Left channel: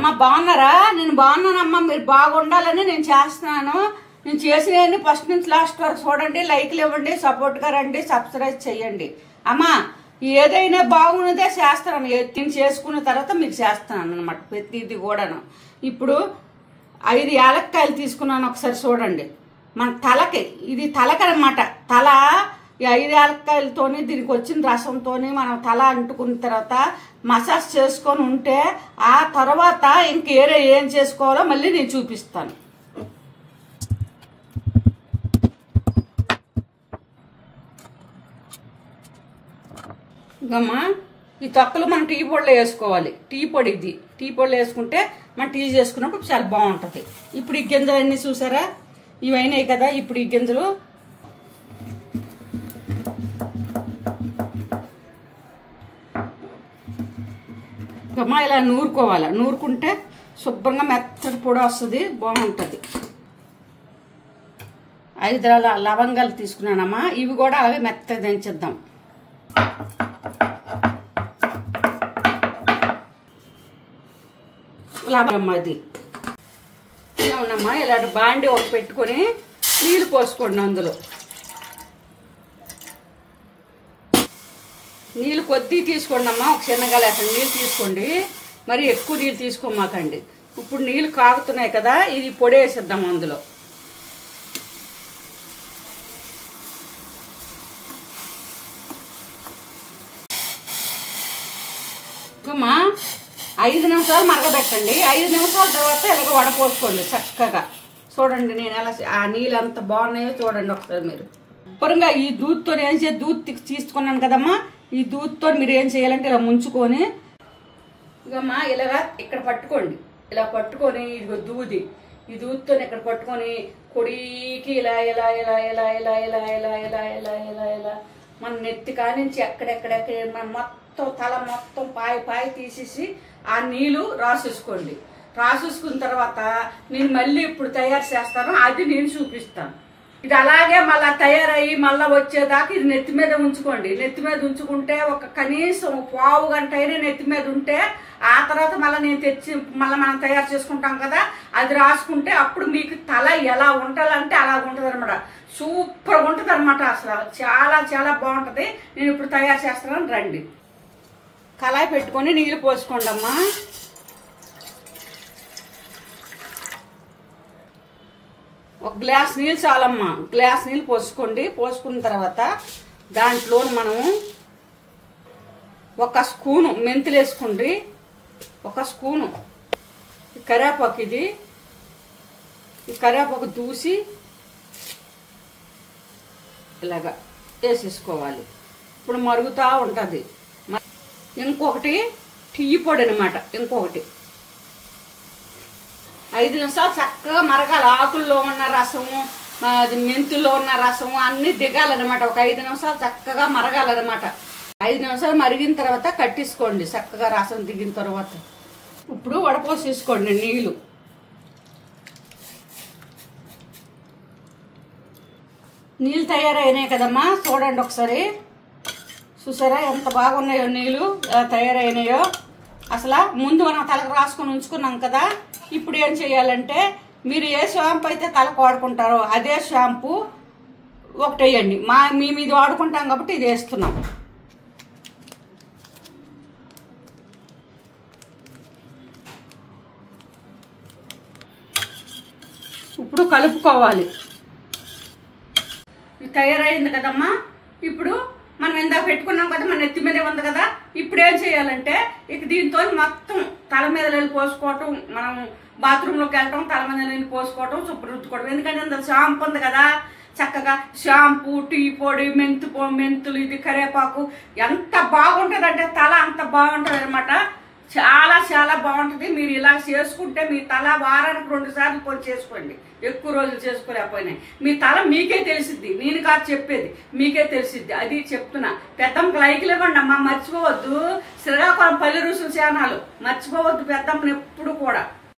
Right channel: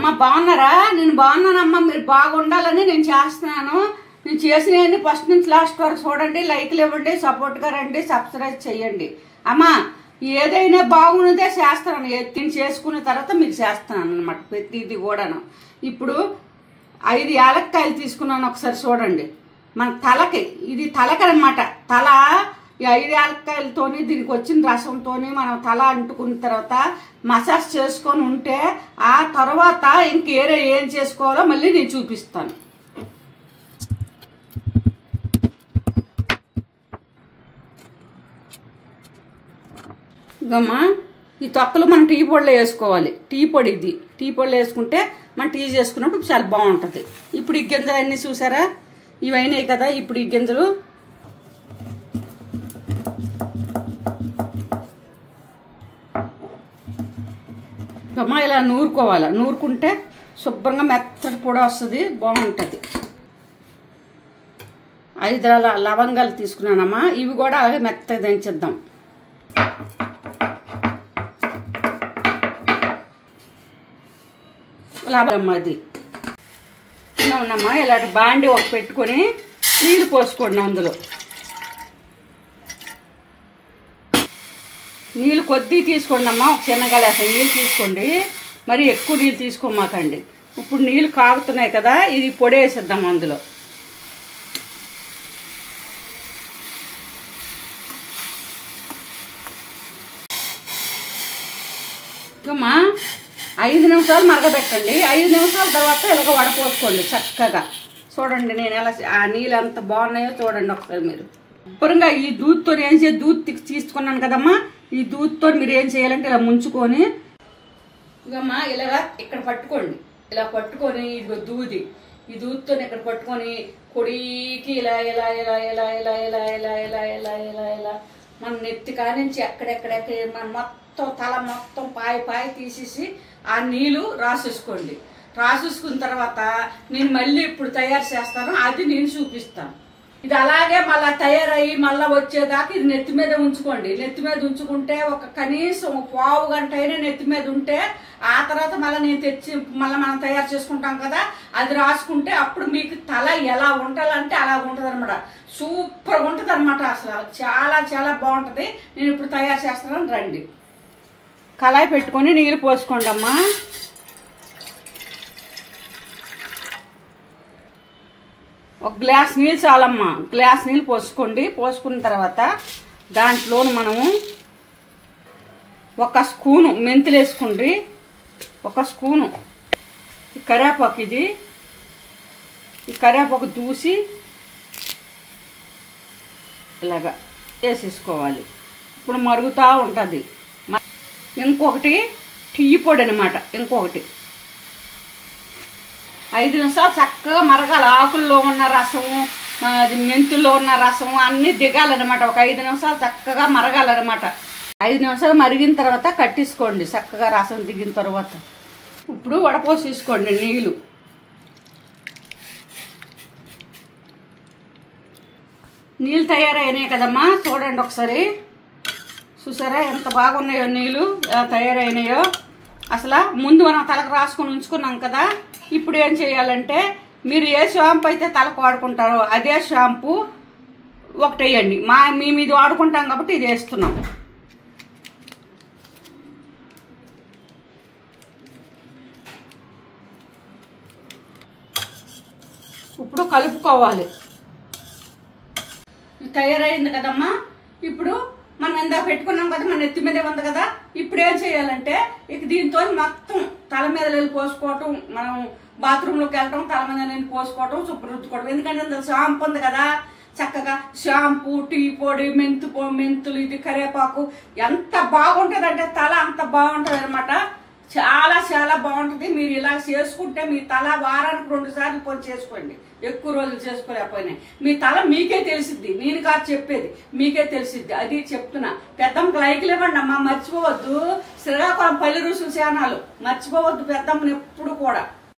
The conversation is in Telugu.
అమ్మ బాగున్నారా? నేను బాగున్నానమ్మా. మీరు బాగుండాలని నేను చేస్తున్నాను. నేను చేసినవన్నీ ఫస్ట్ నుంచి లాస్ట్ వరకు చూడండి, లైక్లు ఇవ్వండి, సపోర్ట్గా రండి, సబ్స్క్రైబ్ చేయండి. అమ్మా ఏదైనా బాగున్నదే చేస్తాను. నేను చేసుకున్న తర్వాత మీకు చేస్తున్నాను అనమాట ప్రతిది కూడాను. ఇప్పుడు 5 యాలక్కాయలు తీసుకున్నాను, ఒకసారి చూడండి. మన తలకి ఇది తలకి అనమాట. తల ఈ 5 యాలక్కాయలతోని దీనికి వచ్చిన రసంతోని మనం తల అంటుకున్న తర్వాత మసాజ్ చేసుకొని ఉంటే ఆ తర్వాత ఇంకేరే ఏం చేసుకోవాలో మళ్ళీ నేను చూపిస్తాను. ఇదమ్మా ఈ తొక్కలు మనం టీ పొడిలో వేసుకోవాలి. టీ పొడి ఇది. టీ పొడిలో వేసుకుంటే మనం టీ చేసుకున్నప్పుడు చాలా బాగుంటుంది. ఇప్పుడు ఈ గింజలు అన్నీ చూసారా? ఇవైనాయి కదా. ఇప్పుడు ఈ గింజలు అమ్మా ఇలా నూరుకోవాలి. నూరుకుంటే శుభ్రంగా మెత్తటి పొడి వస్తుంది, బాగుంటుంది. 5 లవంగాలు తీసుకున్నానమ్మా. ఇవి కూడా అవి మెత్తగా దంచేద్దాం. అది ఉన్నామ్మా. ఇలాంటి బాండి ఒక పెట్టుకొని నీళ్ళు పోసుకోండి. అందులో నీళ్ళు కొద్ది తీసుకోండి అమ్మా. ఒక చిన్నగా లేక నీళ్ళు తీసుకోండి, మరి ఎక్కువ నీళ్ళు తీసుకోమాకండి. ఇప్పుడు నీళ్ళు కాగుతున్నాయి కదా, ఇది పొడి వేసేద్దాం అందులో. అమ్మా 5 నిమిషాలు మరగబెట్టండి. 5 నిమిషాల తర్వాత ఇలాగ వడపోసుకోండి చక్కగా. చూడండి నేను ఎలా ఆ నీళ్ళు ఎంత బాగున్నాయో చూడండి ఒకసారి మీరు. శుభ్రంగా ఈ దూద్తో ఏం చేయాలి, దూద్ తీసుకున్నాను కదమ్మా. ఈ దూద్తో మీరు ఏం చేయాలంటే ఇలా ముంచుకొని ఇదమ్మా ఇలాగా ఇక్కడ పట్టుకోండి. ఇలా పట్టుకొని ఇదిగో దూది, ఈ దూద్తో ఇక్కడ పట్టుకొని కొడికి ఇలా ఇలా ఇలా ఇలా ఇలా ఇలా ఇలా ఇలా ఇలా ఇలా ఇలా మన నెత్తి కానించి ఎక్కడెక్కడెక్కడ మన మొత్తం తల మొత్తం పాయి తీసేసి ఆ నీళ్లు రాసేసుకోండి. రాసేసుకున్న తర్వాత నేను మళ్ళీ ఇప్పుడు తయారు చేస్తాను, అది నేను చూపిస్తాను. ఇది అలాగే మళ్ళా తయారయ్యి మళ్ళా వచ్చేదాకా ఇది నెత్తి మీద ఉంచుకోండి. నెత్తి మీద ఉంచుకుంటే ఒక కనీసం 1/4 గంట అయినా నెత్తి మీద ఉంటే ఆ తర్వాత మళ్ళీ నేను తెచ్చి మళ్ళీ మనం తయారు చేసుకుంటాం కదా, అది రాసుకుంటే అప్పుడు మీకు తల ఎలా ఉండాలంటే అలా ఉంటుంది అనమాట. సూపర్గా ఉంటుంది అనమాట. అసలు చాలా చాలా బాగుంటుంది. నేను ఇప్పుడు తయారు చేస్తాను, రండి. కళాయి పెట్టుకొని నీళ్ళు పోసుకోండి అమ్మా. ఒక గ్లాస్ నీళ్ళు చాలమ్మా. గ్లాస్ నీళ్ళు పోసుకోండి. పోసుకున్న తర్వాత దాంట్లో మనము 1 స్పూను మెంతులు వేసుకోండి. 1 స్పూను కరివేపాకు, ఇది ఈ కరివేపాకు దూసి ఇలాగా వేసేసుకోవాలి. ఇప్పుడు మరుగుతూ ఉంటుంది. ఇంకొకటి టీ పొడి అనమాట. ఇంకొకటి 5 నిమిషాలు చక్కగా మరగాలి. ఆకుల్లో ఉన్న రసము, అది మెంతుల్లో ఉన్న రసము అన్ని దిగాలన్నమాట. ఒక 5 నిమిషాలు చక్కగా మరగాలన్నమాట. 5 నిమిషాలు మరిగిన తర్వాత కట్టేసుకోండి చక్కగా రసం దిగిన తర్వాత. ఇప్పుడు వడపోసి తీసుకోండి నీళ్ళు. నీళ్ళు తయారైనాయి కదమ్మా, చూడండి ఒకసారి. చూసారా ఎంత బాగున్నాయో నీళ్ళు, ఎలా తయారైనాయో. అసలు ముందు మనం తలకు రాసుకొని ఉంచుకున్నాం కదా. ఇప్పుడు ఏం చేయాలంటే మీరు ఏ షాంపూ అయితే తలకు వాడుకుంటారో అదే షాంపూ ఒకటి వేయండి. మేము ఇది వాడుకుంటాం కాబట్టి ఇది వేస్తున్నాం. ఇప్పుడు కలుపుకోవాలి. తయారైంది కదమ్మా. ఇప్పుడు మనం ఎందాక పెట్టుకున్నాం కదా, మన నెత్తి మీదే ఉంది కదా. ఇప్పుడు ఏం చేయాలంటే ఇక దీంతో మొత్తం తల మీద నీళ్ళు పోసుకోవటం, మనం బాత్రూంలోకి వెళ్ళటం, తల మీద నీళ్ళు పోసుకోవటం, శుభ్రం రుద్దుకోవడం. ఎందుకంటే అందులో షాంపూ ఉంది కదా, చక్కగా షాంపూ, టీ పొడి, మెంతులు, ఇది కరివేపాకు ఎంత బాగుంటుంది అంటే తల అంత బాగుంటుంది అనమాట. చాలా చాలా బాగుంటుంది. మీరు ఇలా చేసుకుంటే మీ తల వారానికి 2 సార్లు పొడి చేసుకోండి. ఎక్కువ రోజులు చేసుకోలేకపోయినాయి. మీ తల మీకే తెలిసిద్ది, నేను కాదు చెప్పేది, మీకే తెలిసిద్ది. అది చెప్తున్నా. పెద్దమ్మకి లైక్లు ఇవ్వండి అమ్మా, మర్చిపోవద్దు. శ్రీకాకుళం పల్లి రుసులు ఛానల్ మర్చిపోవద్దు పెద్దమ్మని ఎప్పుడు కూడా.